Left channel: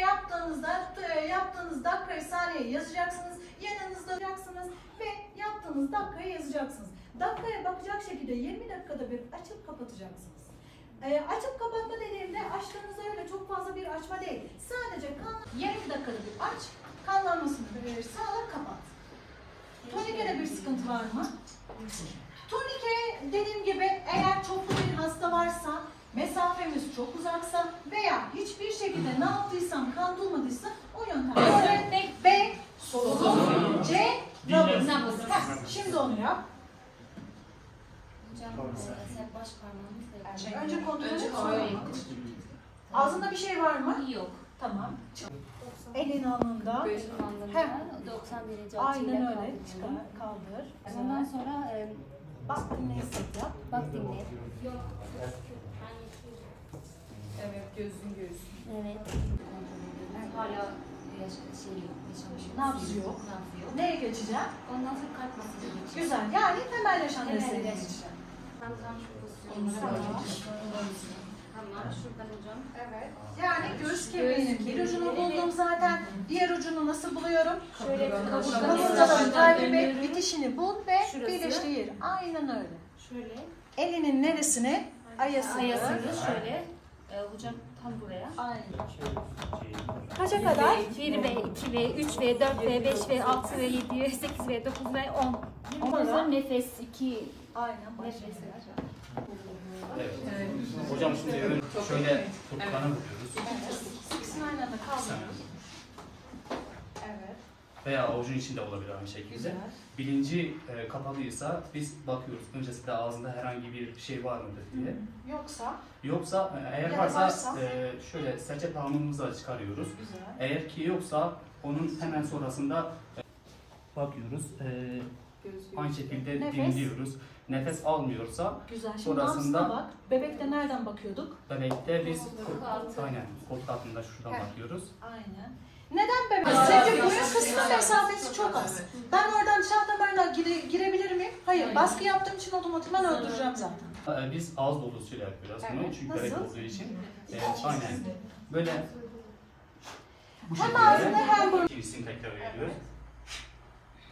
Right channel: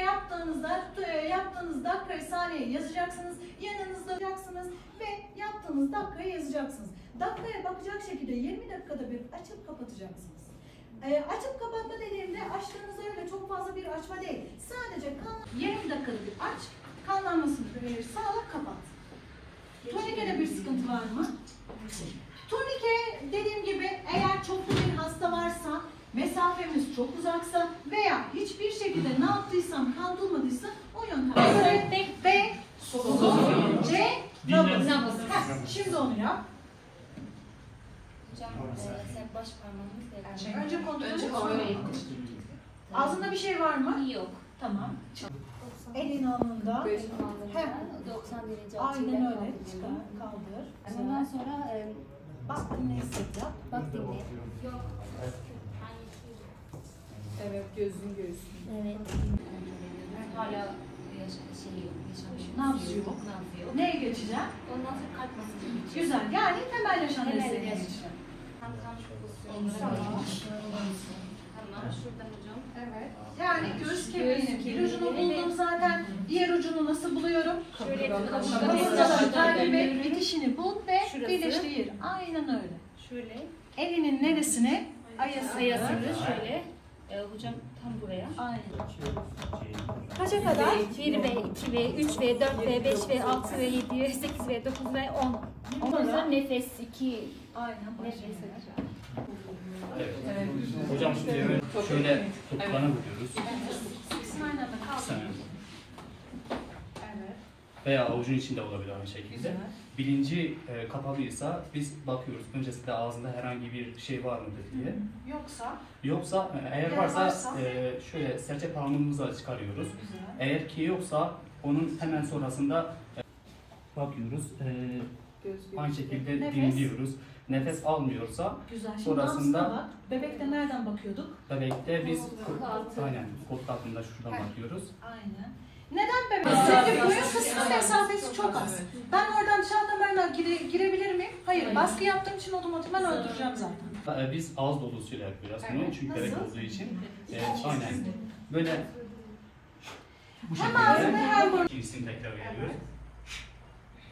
yaptığınız dakikayı, saniyeyi yazacaksınız. Yanınızda yazacaksınız ve yaptığınız dakikayı yazacaksınız. Dakikaya bakacak şekilde 20 dakikada bir açıp kapatacaksınız. Açıp kapatma dediğimde açtığınızda öyle çok fazla bir açma değil. Sadece 20 dakikada bir aç, kanlanmasını verir, sağla, kapat. Turnikede bir sıkıntı var mı? Turnike dediğim gibi eğer çoklu bir hasta varsa, mesafemiz çok uzaksa veya hiçbir şekilde ne yaptıysam kan durmadıysa o yöntemde B, solunum, C, nabız. Şimdi onu yap. Hocam baş parmağımızla Önce kontrol et. Ağzında bir şey var mı? Yok. Tamam. Elin alnında. Gözün alnında 90 derece açıyla aynen öyle. Çıkar, kaldır. Ondan sonra bak dinle, hisset yap. bak dinle. Evet, gözün göğsün. Evet. Hala yaşamış. Nabız yok. Neye geçeceğim? Ondan sonra kalp masajı geçiyor. Güzel. Yani temel yaşam desteği. Tam şuradan hocam. Evet. Yani göğüs kemiğinin bir ucunu buldum zaten. Diğer ucunu nasıl buluyorum? Şöyle Kaburgaların takip et, bitişini bul ve Şurası. birleştir. Aynen öyle. Şöyle. Elinin neresine? Ayasını şöyle. Hocam tam buraya. Aynen. Kaça kadar? 1V, 2V, 3V, 4V, 5V, 6V, 7V, 8V, 9V, 10. Ondan sonra nefes 2. Aynen. Nefes. Evet. Hocam şimdi şöyle tutkana vuruyoruz. Aynen. Sen. Evet. Veya avucun içinde olabilir aynı şekilde. Bilinci kapalıysa biz bakıyoruz öncesinde ağzında herhangi bir şey var mıdır diye. Yoksa eğer varsa şöyle serçe parmağımızla çıkarıyoruz. Güzel. Eğer ki yoksa onun hemen sonrasında bakıyoruz. Aynı şekilde Nefes. dinliyoruz. Nefes almıyorsa Güzel. Şimdi sonrasında bak. Bebekte nereden bakıyorduk? bebekte biz aynen koltuk altında şuradan bakıyoruz. Aynen. Neden bebek? Çünkü boyun kısmı mesafesi çok az. Ben oradan dışarı damarına girebilir miyim? Hayır. Baskı yaptığım için otomatikman öldüreceğim zaten. Biz ağız dolusuyla yapıyoruz bunu Evet. çünkü bebek Nasıl? olduğu için. Aynen. Böyle bu Hem şekilde ağzında hem burun. ikincisini tekrar veriyoruz.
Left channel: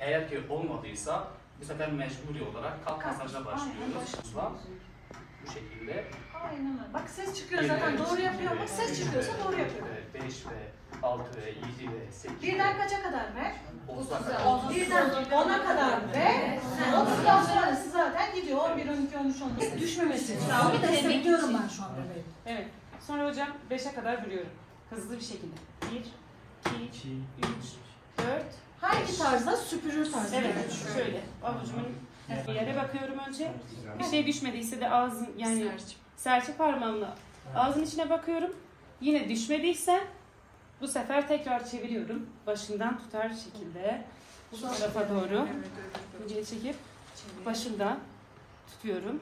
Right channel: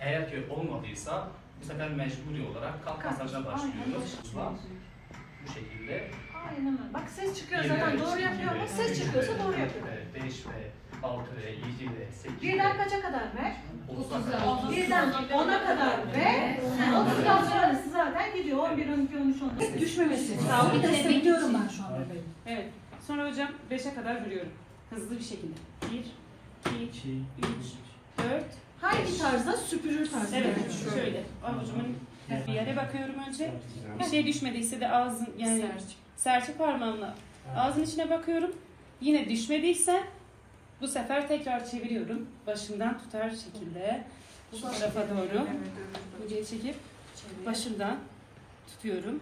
Eğer ki olmadıysa bu sefer mecburi olarak kalk masajına başlıyoruz. Bu şekilde. Aynen öyle. Bak ses çıkıyor zaten. Doğru yapıyor ama ses çıkıyorsa doğru yapıyor. 5 ve 6 ve 7 ve 8 Birden kaça kadar ver? 30'a. Birden 10'a kadar ve 30'dan sonrası zaten gidiyor. 11, 12, 13, 14. Düşmemesi. Sağlığı destekliyorum ben şu an bebeğim. Evet. Sonra hocam 5'e kadar bölüyorum. Hızlı bir şekilde. 1, 2, 3, 4. Hangi tarzda? Süpürür tarzı. Evet. Şöyle. Avucumun bir yere bakıyorum önce. Bir şey düşmediyse de ağzın yani serçe parmağımla ağzın içine bakıyorum. Yine düşmediyse bu sefer tekrar çeviriyorum. Başından tutar şekilde şu tarafa doğru hocayı çekip başından tutuyorum.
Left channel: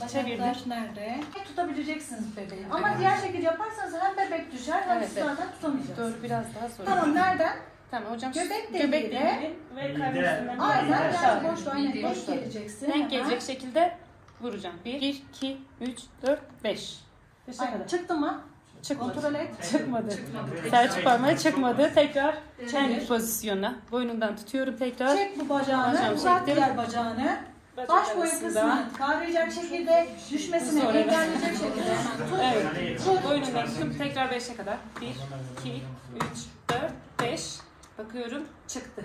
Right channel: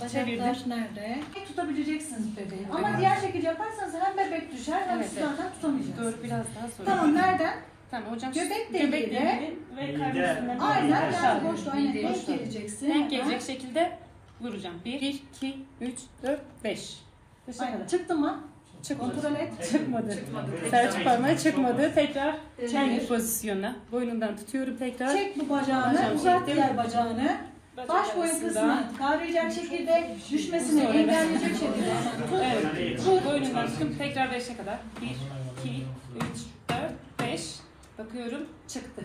Bacaklar nerede? Tutabileceksiniz bebeği. Ama diğer şekilde yaparsanız hem bebek düşer hem siz zaten tutamayacaksınız. Doğru, biraz daha sonra. Tamam, nereden? Tamam hocam. Göbek deliği deliğiyle ve karnesinden aynen aşağı. yani boşluğa aynen denk geleceksin. Denk gelecek şekilde vuracağım. 1, 2, 3, 4, 5. Aynen. Çıktı mı? Çıkmadı. Kontrol et. Çıkmadı. Serçe parmağı çıkmadı. Tekrar kendi pozisyonuna. Boynundan tutuyorum tekrar. Çek bu bacağını, Hocam, uzat çektim. diğer bacağını. Baş boyu arasında. kısmını kavrayacak şekilde, düşmesini Sonra engelleyecek şekilde hemen tut. Evet. Boynundan tutup tekrar 5'e kadar. 1, 2, 3, 4, 5. Bakıyorum. Çıktı.